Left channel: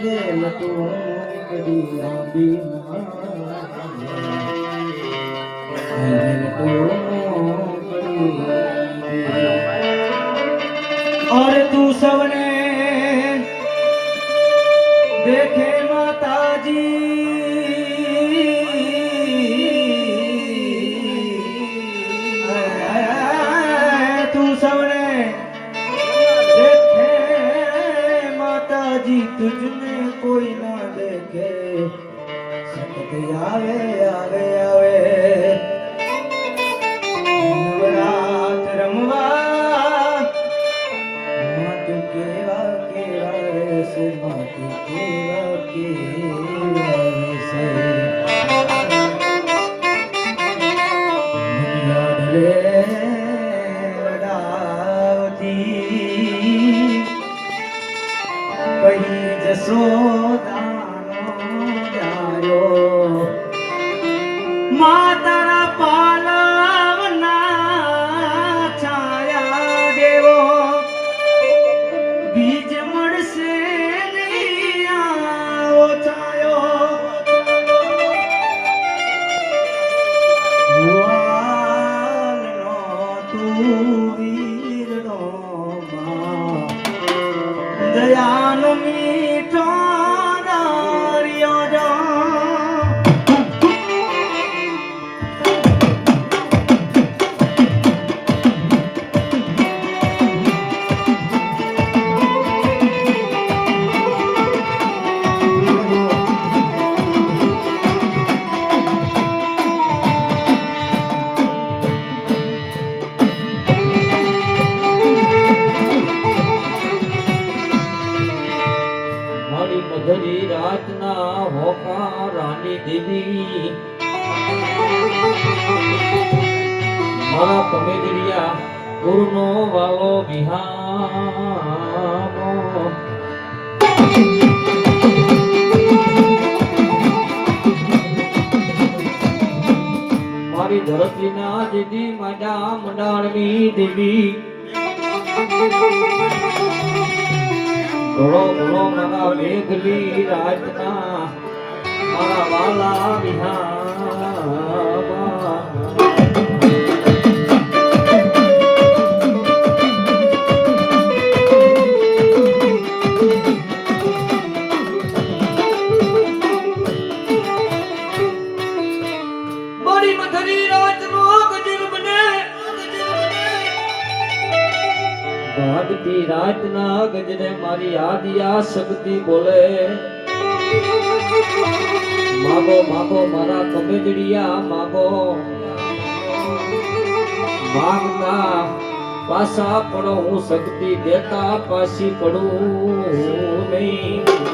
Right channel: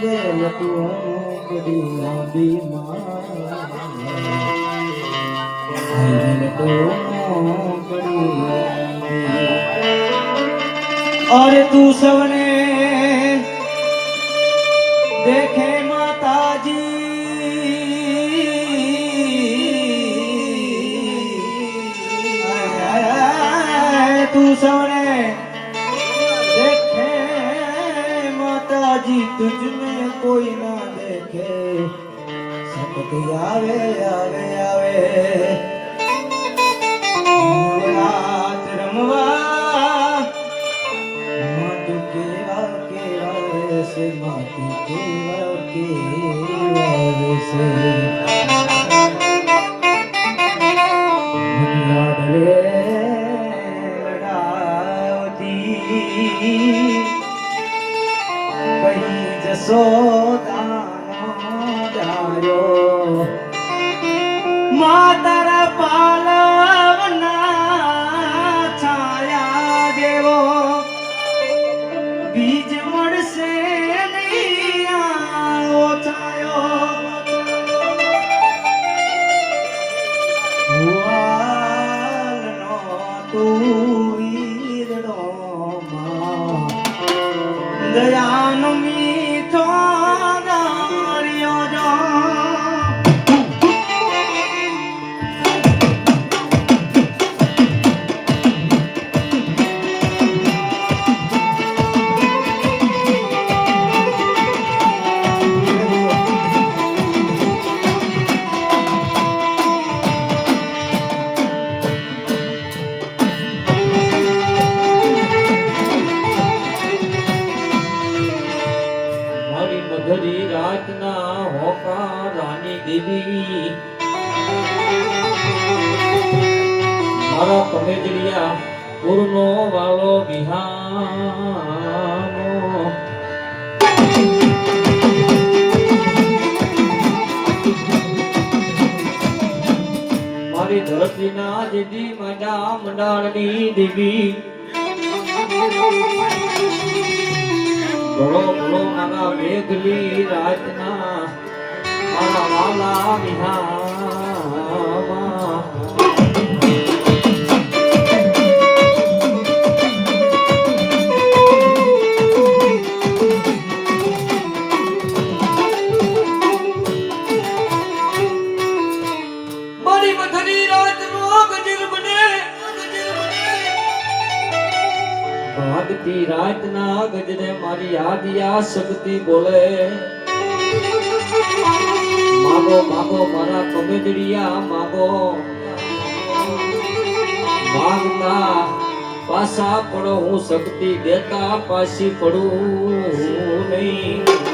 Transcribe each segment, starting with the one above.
ગયેલ તું બધી નદીમાં અરે તું સૌને ಯಾವೇ શક્તિ દેતા પાછી પડું નહીં.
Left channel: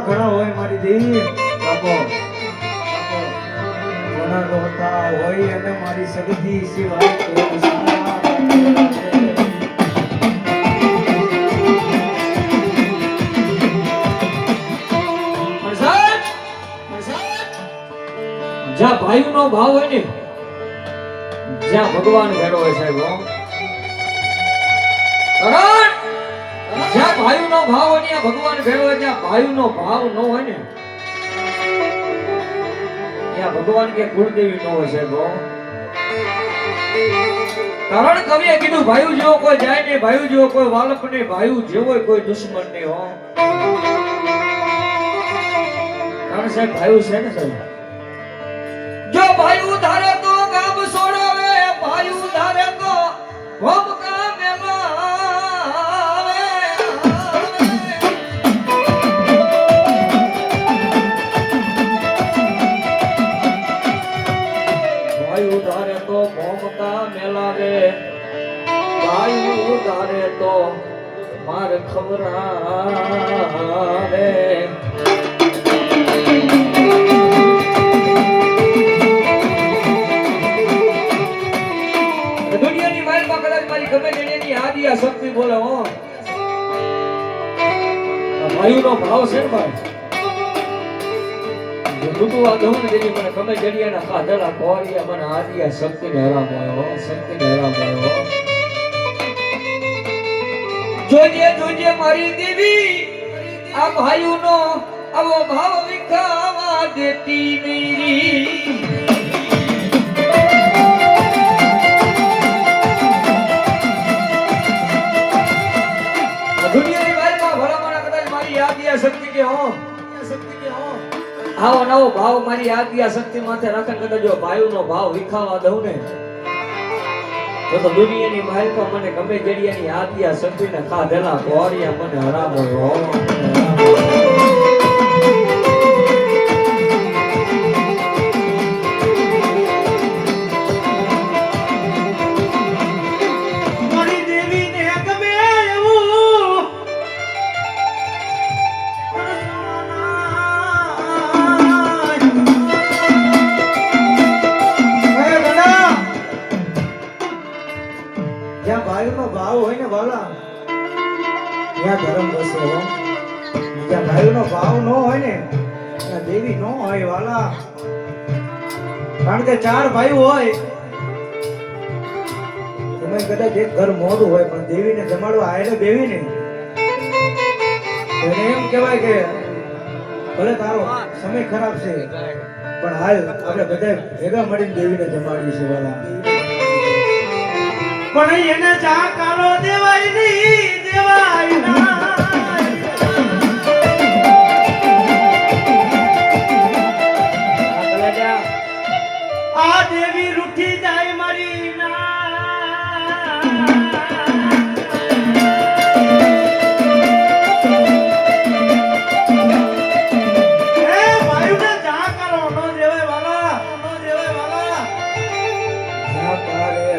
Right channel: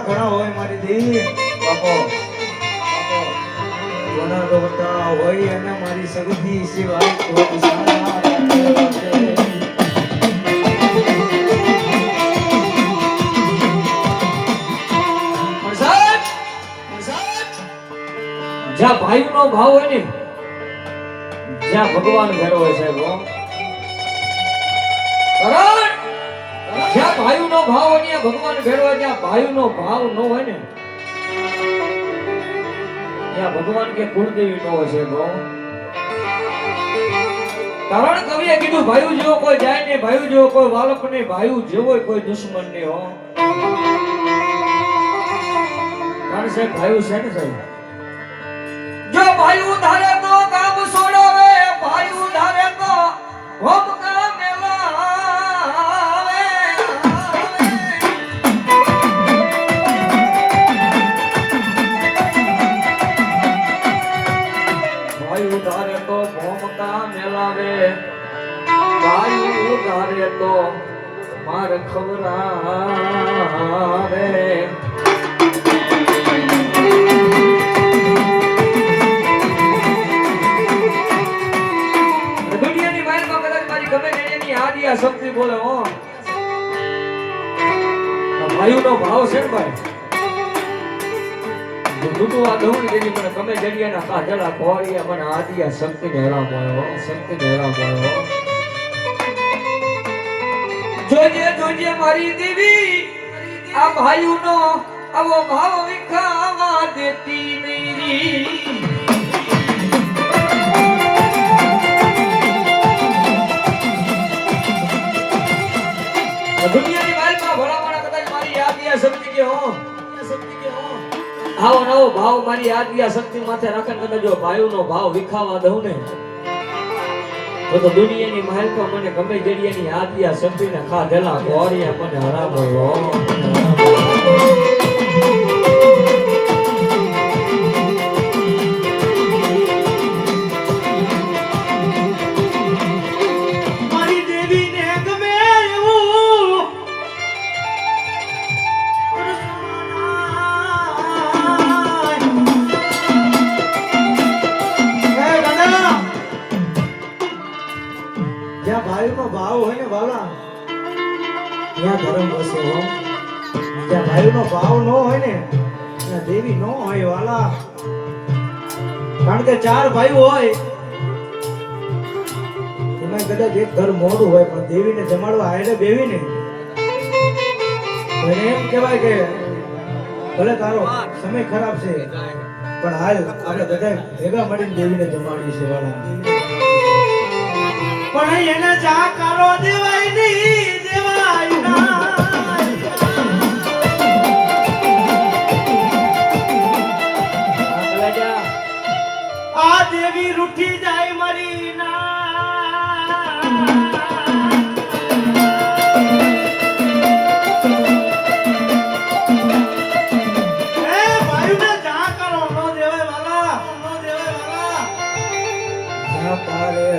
ઘણા ઘણા હોય મારી દી બાપો ઘણા તો હોય અને મારી સગધી સિવાય જ્યાં ભાઈ નો ભાવ હોય ને, જ્યાં ભગવાન ઘેરો હોય સાહેબ ભાયુનો ભાવ અહીંયા ભગવાન ભેળવે ત્યાં ભાયુનો ભાવ ન હોય ને. ત્યાં ભગવાન કે કુળદેવી નો હશે તો કારણ કવિએ કીધું, ભાયુ જેવો કોઈ જાય ને ભાયુ જેવો કોઈ વાલક ને ભાયુ જેવો કોઈ દુશ્મન ને હો. કારણ સાહેબ, ભાયુ છે ને સાહેબ. જો ભાયુ ધારે જડિયાના કાજળા મને આદિયા શક્તિ ને હેરામ હો શક્તિ ને હેરામ જોજે મારી દેવી આ ભાઈઓનો આવો ભાવ વિખાવા દેતી નહીં. ભાવ મારી યાદિયા શક્તિ માથે રાખે કદાચ જો ભાઈઓનો ભાવ વિખાવા દઉં ને, તો તો દુનિયાની માલકો મને ગમે જડિયાની ને શક્તિને ખાધેલા ગોરિયા મને હરામો ત્યાં ધર્મ વસે હો. જ્યાં ભાઈનો ભાવ ન હોય ને, ત્યાં દેવી ન હોય વાલા. કારણ કે ચાર ભાઈ હોય, એમાં કદાચ એક ઘર મોડું હોય, પણ દેવીને જમાડવા આયરે બેવીને એને એમ કહેવાય કે, ભલે તારો સમય ખરાબ છે, પણ હાલ આપણે બધા ભેગા મળીને દેવીને જમાડીએ છે વાલા. પણ એને ચા કાલો દેવાય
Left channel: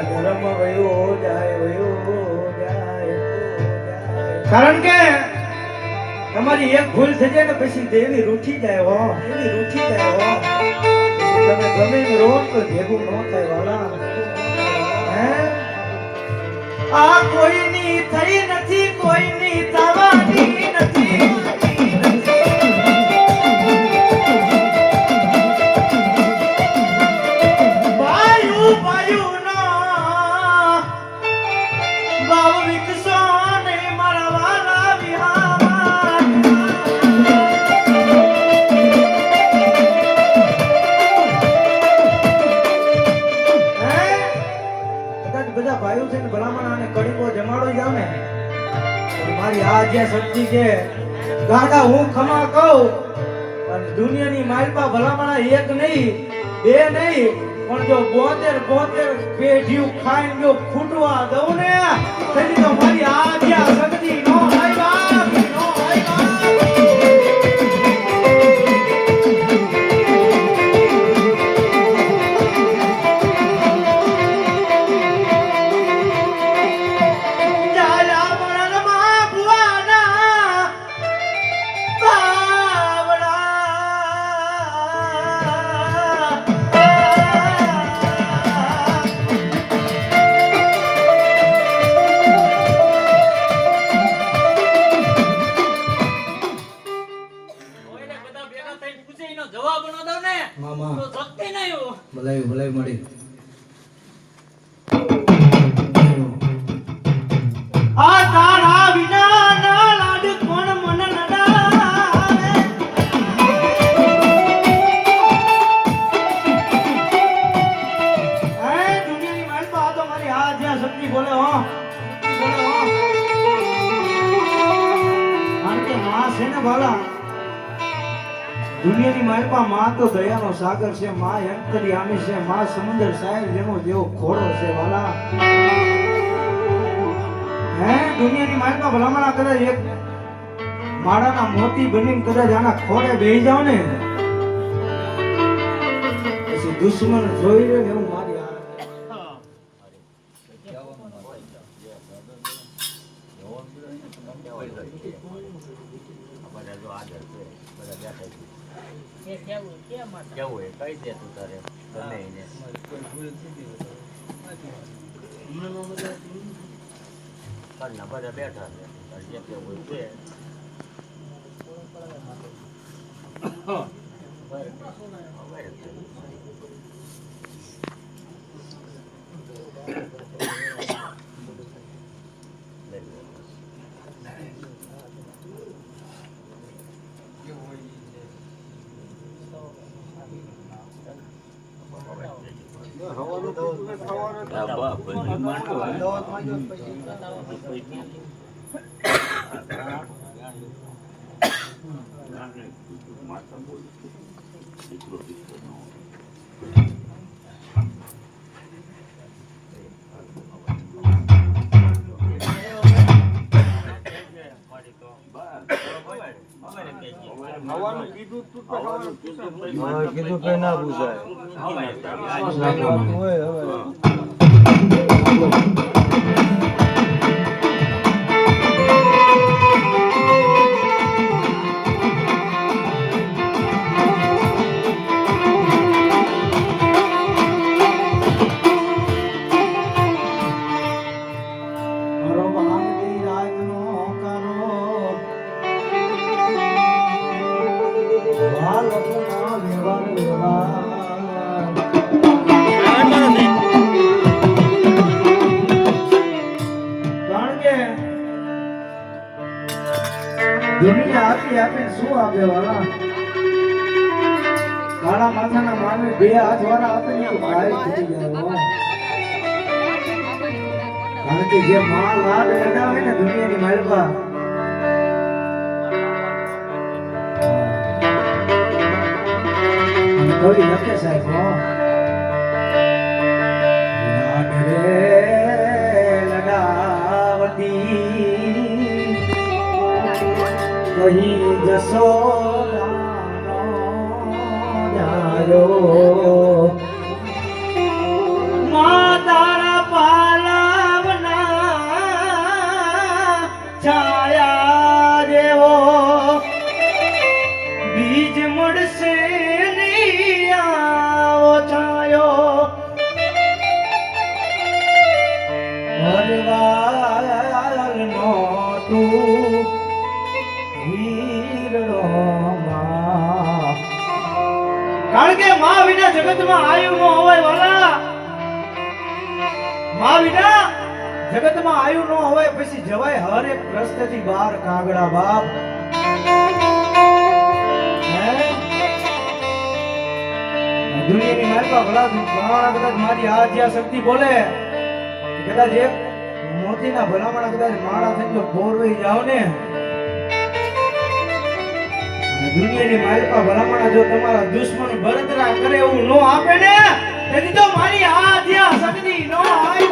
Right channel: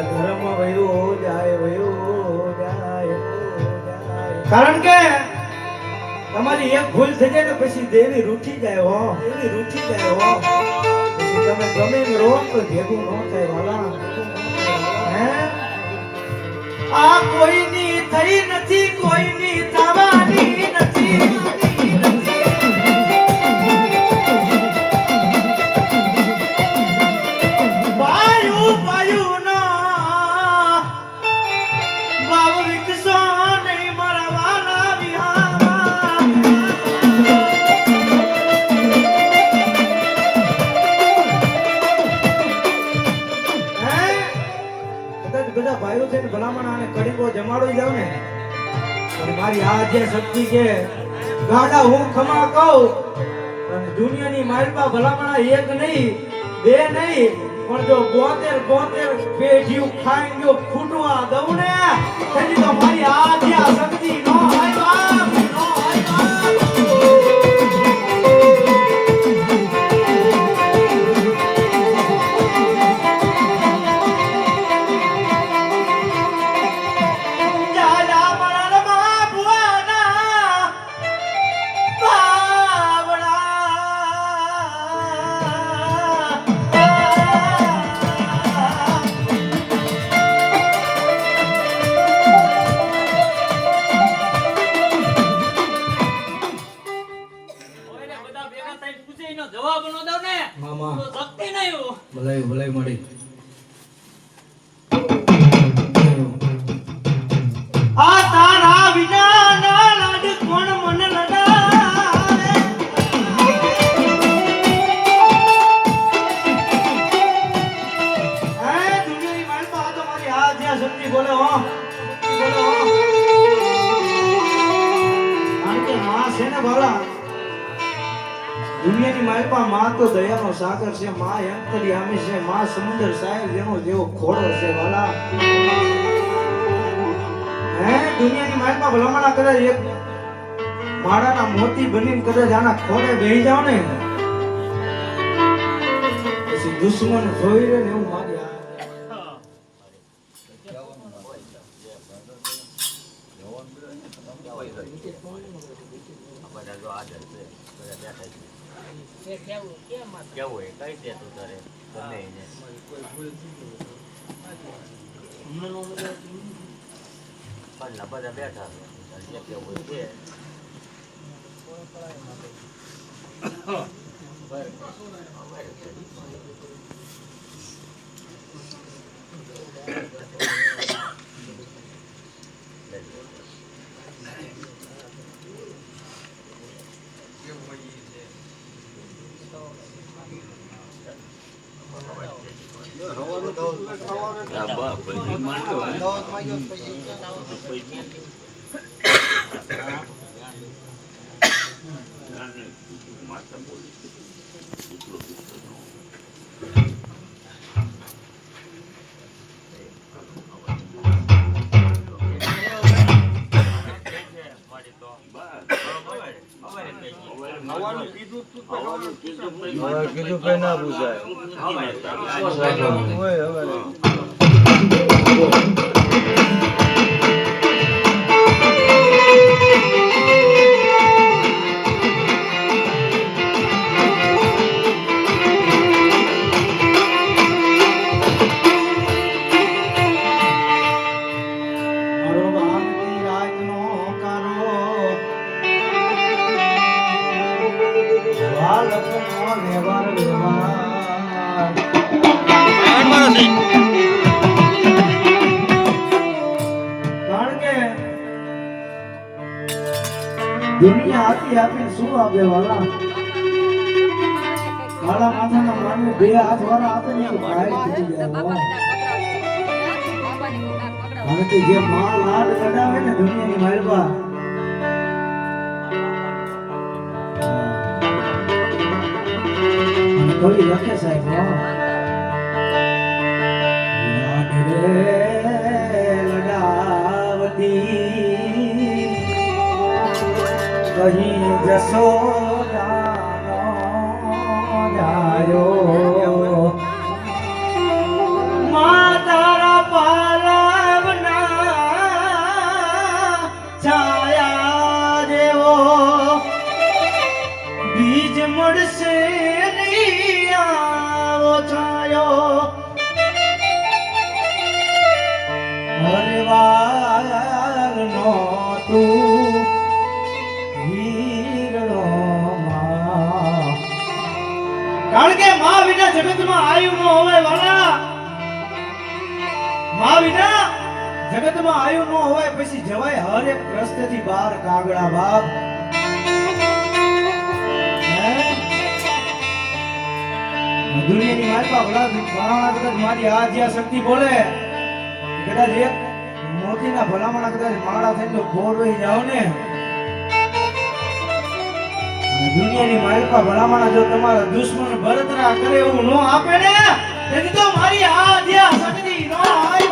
ધર્મ વયો જાય વયો જાય. કારણ કે તમારી એક ભૂલ થઈ જાય તો પછી દેવી રૂઠી જાય હો. દેવી રૂઠી જાય હો. પછી તમે ગમે એમ રહો તો ભેગું ન થાય વાલા. હે? આ કોઈની થઈ નથી કોઈની થવાની મારી આ જે શક્તિ કે ગાડા હું ખમા કહું અને દુનિયાની માલપા ભલામણા એક નહીં, બે નહીં, પણ જો બોતેર બોતેર પેઢીઓ ખાઈ ગયો ફૂટવા દઉં ને, તો મારી આ સાગર છે, મા યંત્રી છે, મા સમુદ્ર સાહેબ જેનો જેવો ઘોડો છે, વાલા. હે, દુનિયાની માયમાં ભલામણા કદાચ એક માળાના મોતી બનીને કદાચ આના ખોડે બેહી જાવ ને પછી દુશ્મન જોઈ રહ્યો એવું કઈ દે તું તારે ગમે એને. પણ બધા બેઠા છે. કેવું હોય છે. અમારે છે. કીધું કઈ ના પૂછાય મારા માથાના માનવી બે હાથ વાળા આપે તો ભાઈ જે માં લાડ લડાવે ને દુનિયાની માલપા કવિ લખે સાહેબ, હો. કહી જશો જાયો કે માં વિના જગતમાં આયુ ન હોય વાલા માં વિના જગતમાં આયુ ન હોય પછી જવાય હર એક રસ્તેથી બહાર કાગડા બાપ. દુનિયાની મારી ભલા ભલામણા કદાચ મારી આ જ્યાં શક્તિ બોલે. કદાચ એક મોતીના ભલામણા કદાચ માળા થઈ ગયો જો વહી જાવ ને દુનિયાની માલકા ભલામણા જો તમારા દુશ્મન બળતરા કરે એવું નો આપે ને, એની તો મારી આ શક્તિ નો આય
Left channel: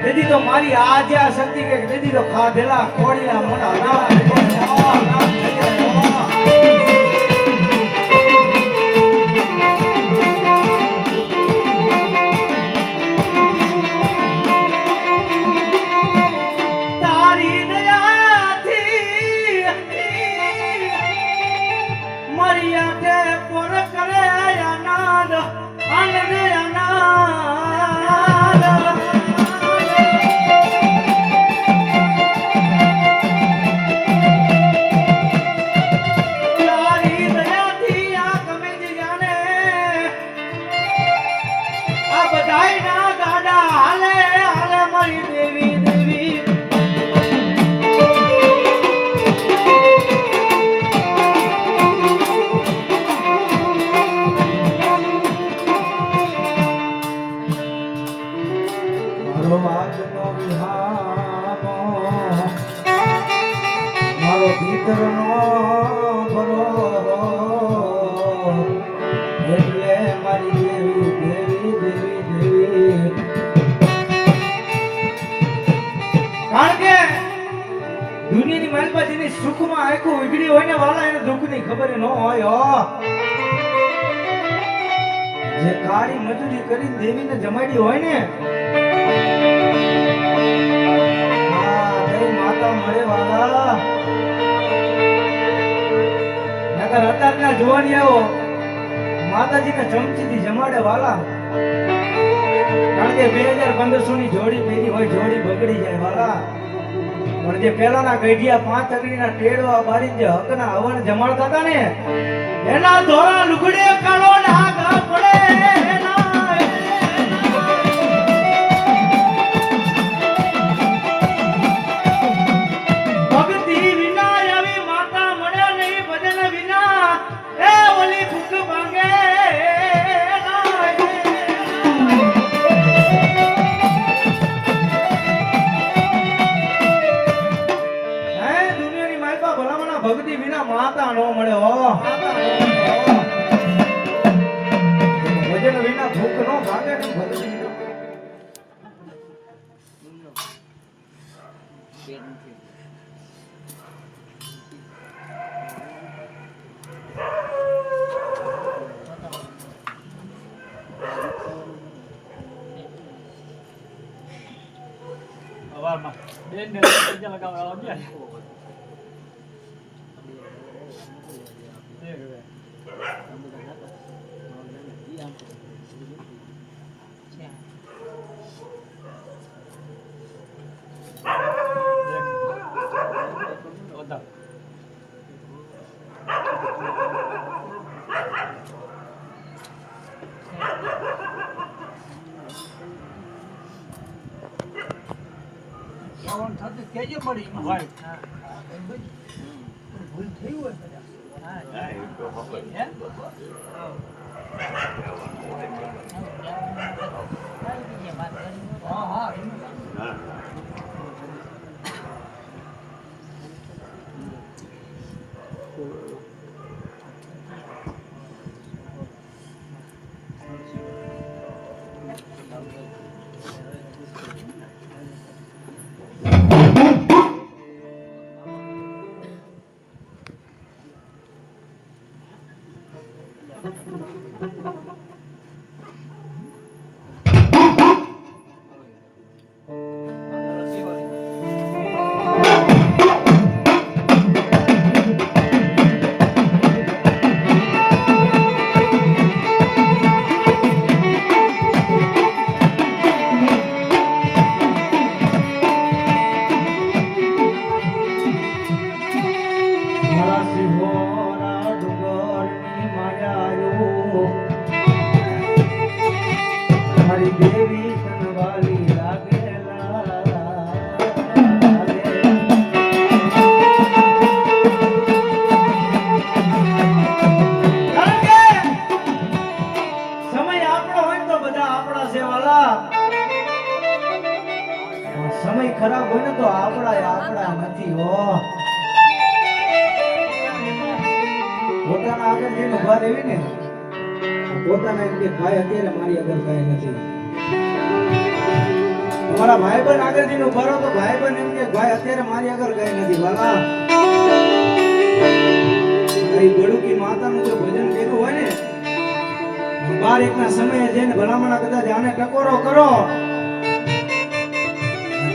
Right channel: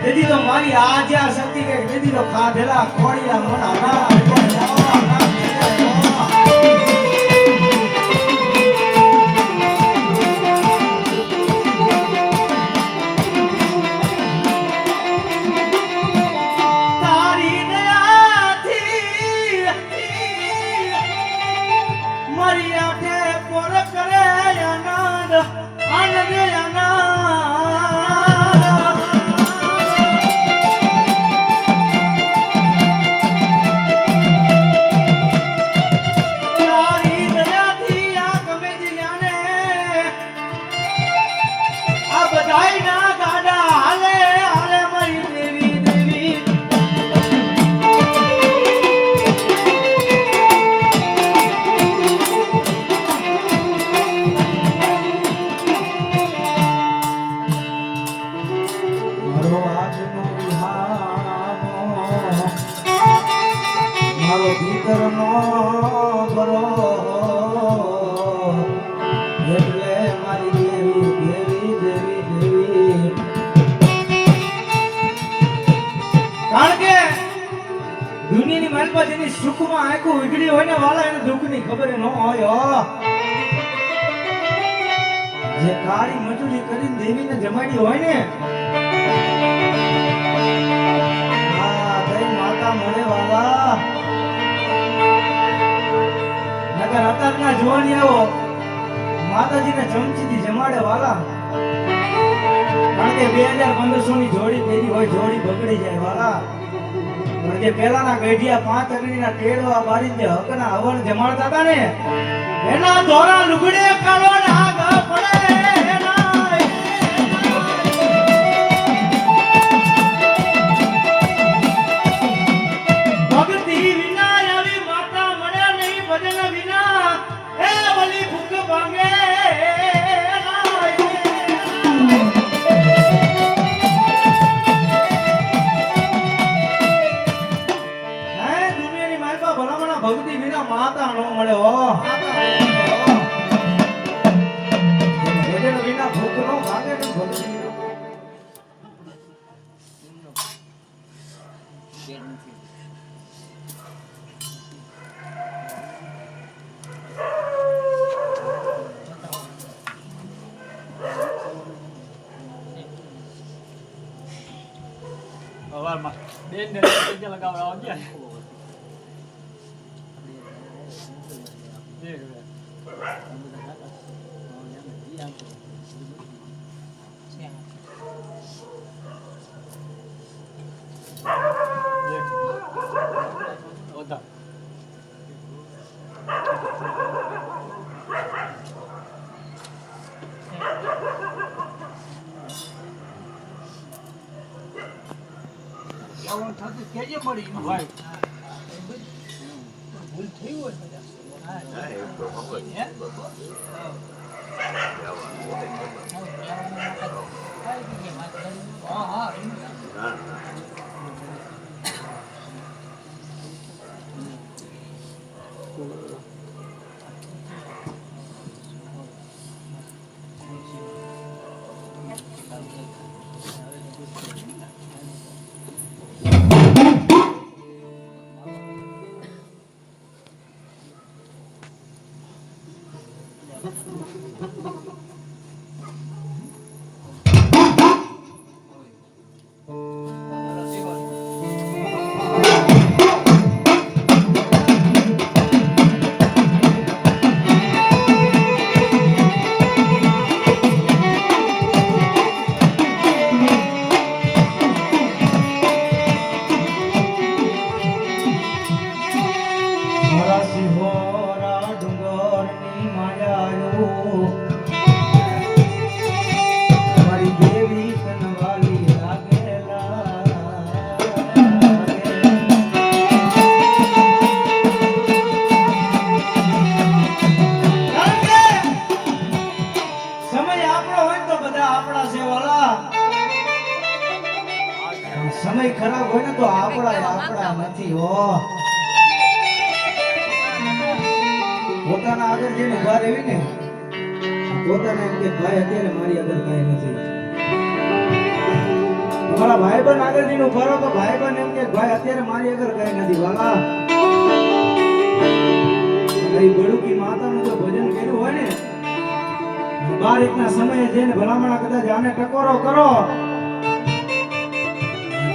ને તો મારી આજ્યા શક્તિ કે તેથી તો ખાધેલા ખોડીલા મોટા ના દુનિયાની માલમાં જેની સુખમાં આખું ઉઘડી હોય ને વાલા, એને દુઃખની ખબર ન હોય જે કાળી મજૂરી કરીને દેવીને જમાડી હોય ને માતા મળે વાલા. નકર અત્યારના આવો માતાજીને ચમચીથી જમાડે વાલા. કારણ કે બે હજાર પંદરસો ની જોડી પહેરી હોય, જોડી બગડી જાય વાલા. પણ જે પેલાના ગઢિયા પાંચ અગ્નિના ટેડવા બારી જે હકના હવન જમાડતા હતા ને, એના ધોરા લુગડે દેખ. ઓધા. હોય. હા, એ તો ખબર છે બાપા. હા. પોતાના આગળ જઈને ઊભા રહેવી ને પોતાને એમ કે ભાઈ અત્યારે મારી આગળ કઈ નથી. તમારા ભાઈબંધ આગળ જઈને ઊભા રહો તો બન એમ કે, ભાઈ, અત્યારે મારી આગળ કઈ નથી. વાલા ભાઈ બડુકી માતાનું જો ભજન કર્યું હોય ને બાર એકના સમયે જઈને ભલામણા કદાચ આને ટકોરો કરો.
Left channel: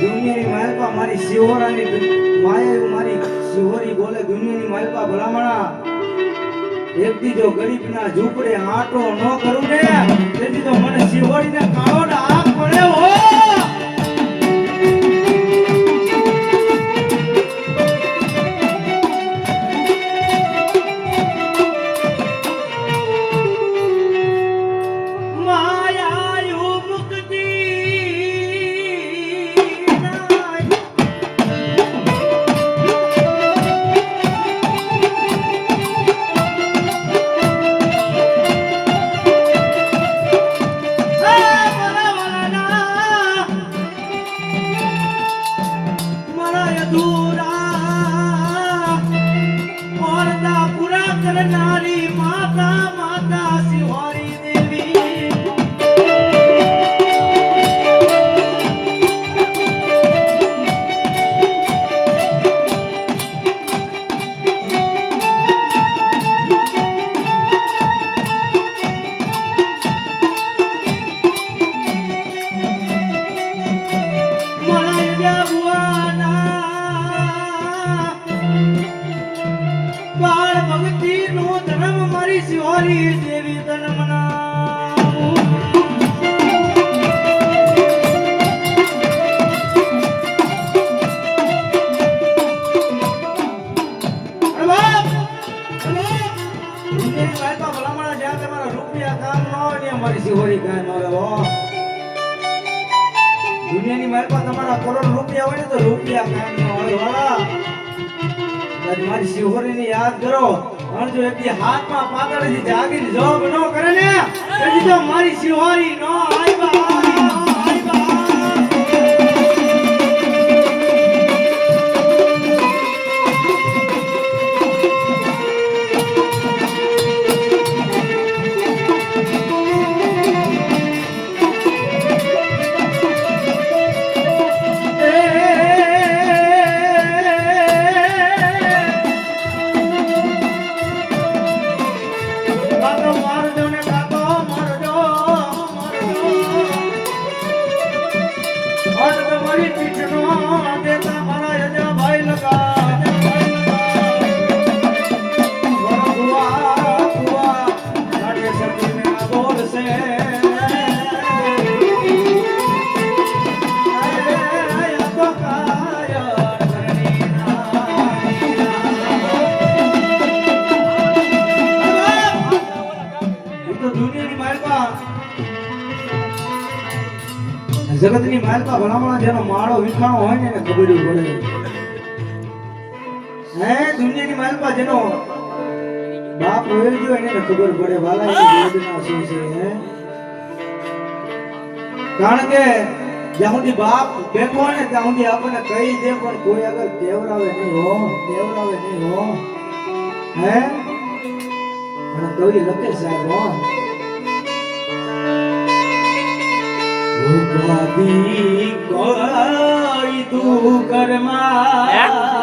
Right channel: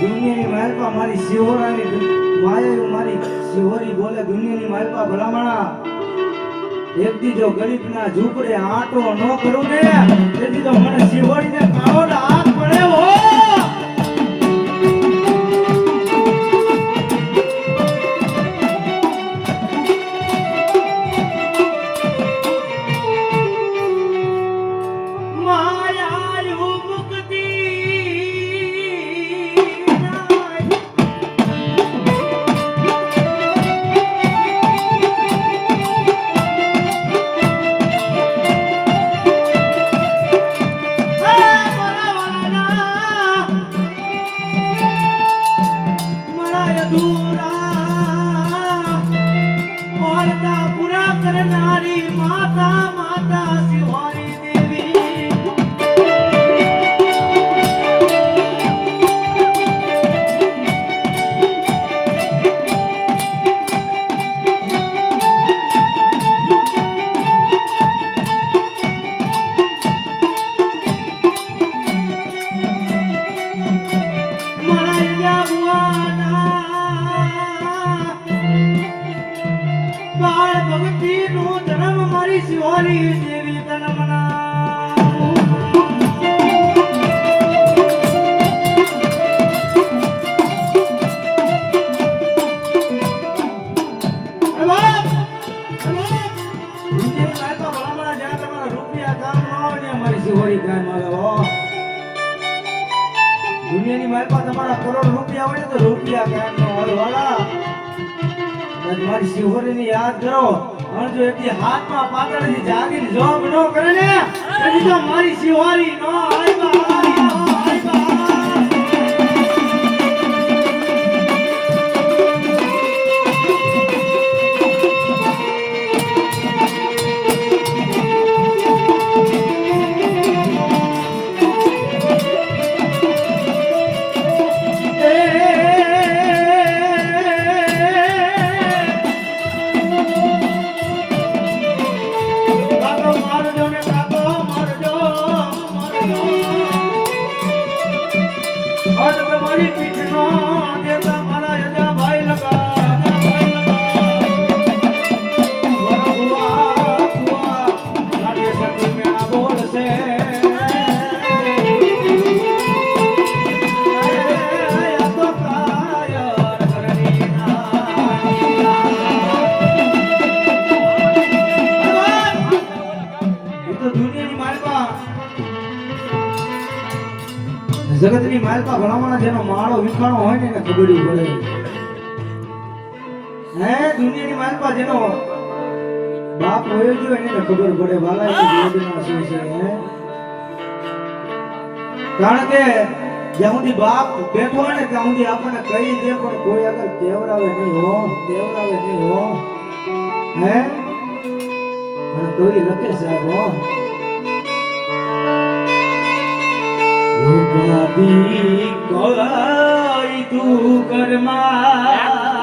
દુનિયાની માલપા મારી શિહોરાની માયા મારી શિહોરી બોલે, દુનિયાની માલપા ભલામણા. એક દી ગરીબ ગરીબના ઝૂંપડે આટો ન કરું ને. તેથી તો મને શિહોરીને કાળો ડાક પડ્યો હો જો હાથમાં પાતળથી જાગીને જોબ ન કરે ને તો મારી સિવારી નો માલપા જેનો બાપ ગયો એને ખબર પડે વાલાની વેદના શું છે કારણ કે જ્યાં સુધી બાપ બેઠો હોય ને ત્યાં સુધી આપણને કહી દે પણ કોઈ આગળ કેવરાવે નહીં હો કેવરાવે નહીં હો. હે? અને કવિ લખે સાહેબ હો. ઉપાધિ કોઈ તું કરમાં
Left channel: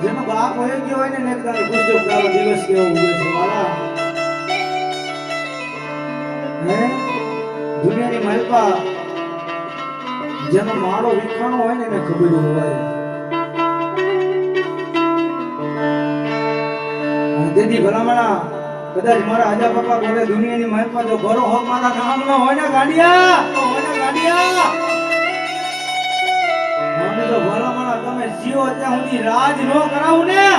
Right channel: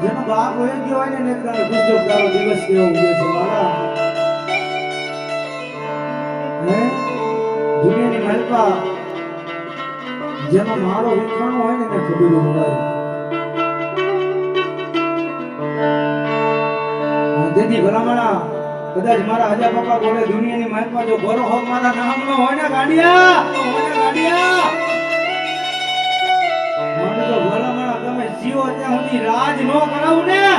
જેનો બાપ હોય ગયો હોય ને એક દાડો ગુજર દિવસ કેવો મારા હે? દુનિયાની માલપા જેનો માળો વિખાણો હોય ને એને ખબર હોય. ભલામણા. કદાચ મારા આજા બાપા બોલે, દુનિયાની મહેકમાં જો ભરો હો, મારા નામનો હોય ને ગાડિયા હોય ને ગાડિયા. મને તો ભલામણા, તમે જીવો ત્યાં સુધી રાજ નો કરાવું ને.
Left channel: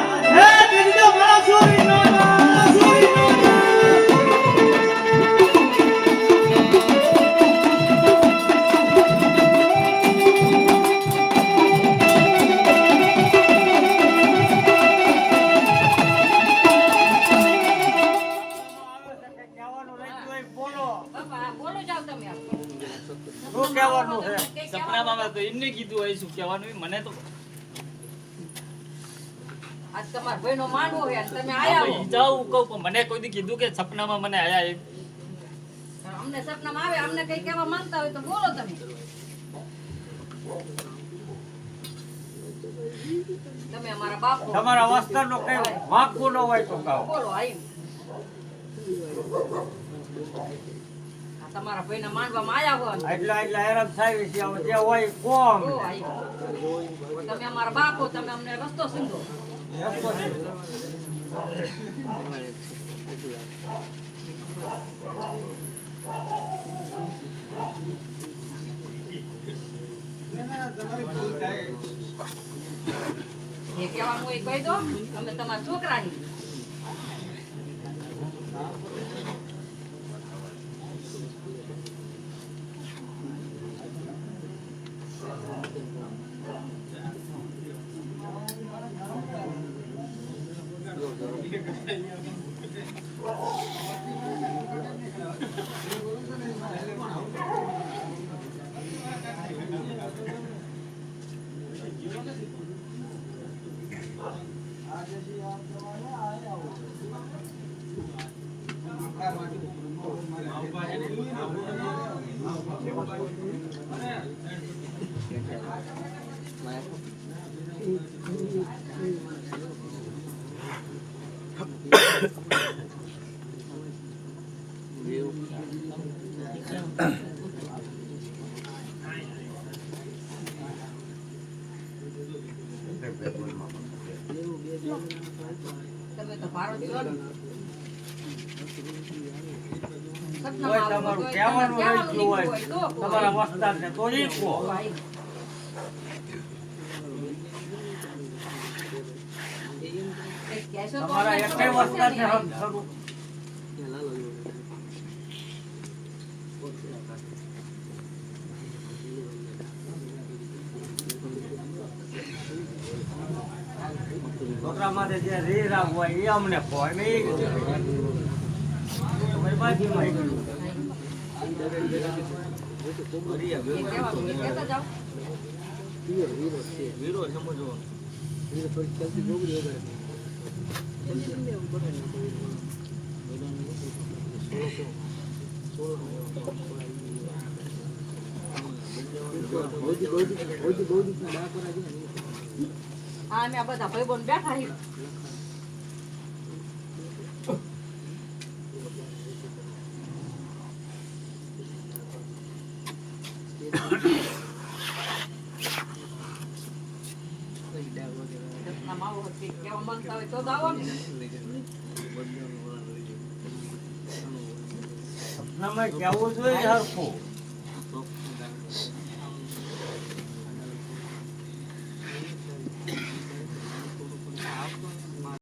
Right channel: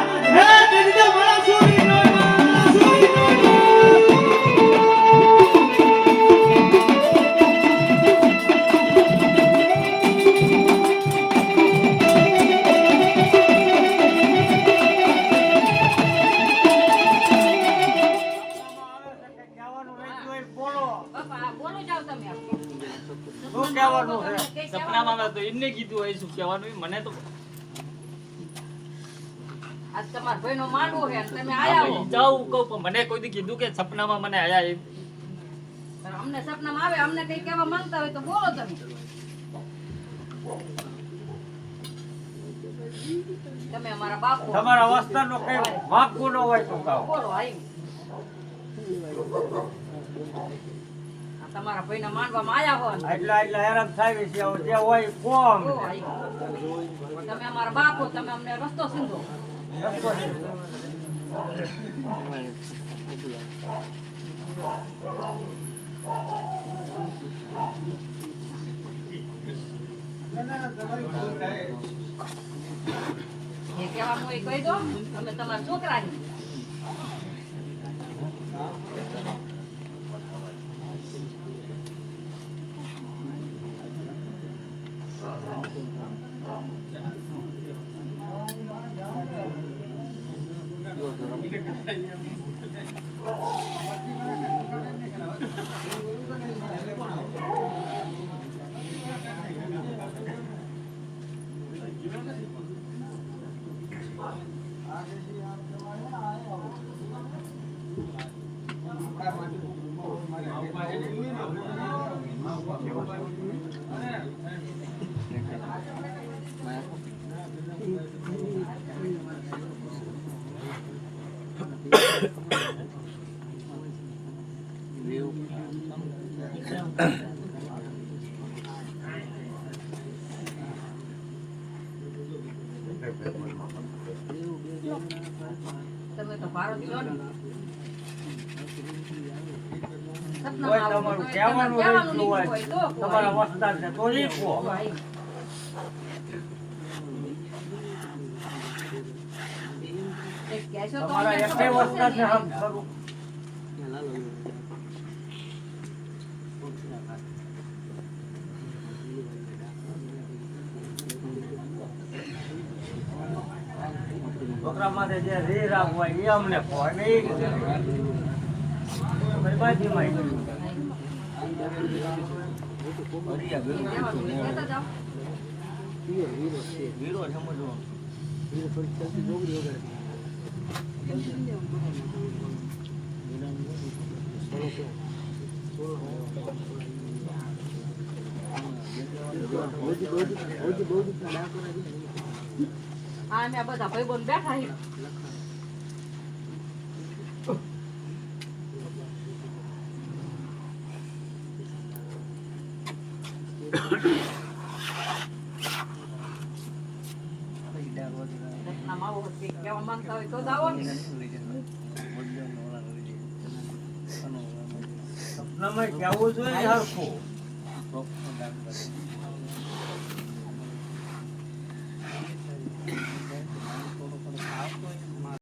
એમને કીધું હોય શું કહેવાનું એ મને તો આજ તમારા ભાઈનો માંડવો છે અને તમે આયા હો. જાઉં કહું પણ મને કોઈ દી કીધું કે સપનામાં મને આયા એમ અમને સપનામાં આવે અમને કઈ કહેવા માંગતા હોય તો બોલો તમે તમે અમારા બાપ. તમારા વસ્તારનો કઈ વાંકું ન હોય તો કહો બોલો આઈ તમારા ભાઈને માંડવામાં આવ્યા હોય. એટલા એટલા હેરાન થાય છે જે હોય કોમ. તમે અમારા બાપો તમે અમને રસ્તો સીંધો. એ કહેવાનું એ કહી દો. અમે તમારા છોકરા છીએ. તમે તો ભારત છો ને સપનામાં આવું તમારું રહેતું હોય. તમારા વસ્તારને તો ઈ કહો. તમારા અમને એકે ખબર પડશે વસ્તારને ને. હમ ખરું. છોકરા માટે જે રે રાગ હોય એ અમને કહો અને એ તમારી બાજુમાં ઈ. એ કહેવાનું હોય કહેતા જાઓ. વીરો સમજવાનો હા અમે આ બધા ભાઈબંધ બેઠા છીએ સપનામાં આવું હતું, કહેવા માંગતા હોય તો જ આવો ને સપનામાં જવું જોઈએ હરખું.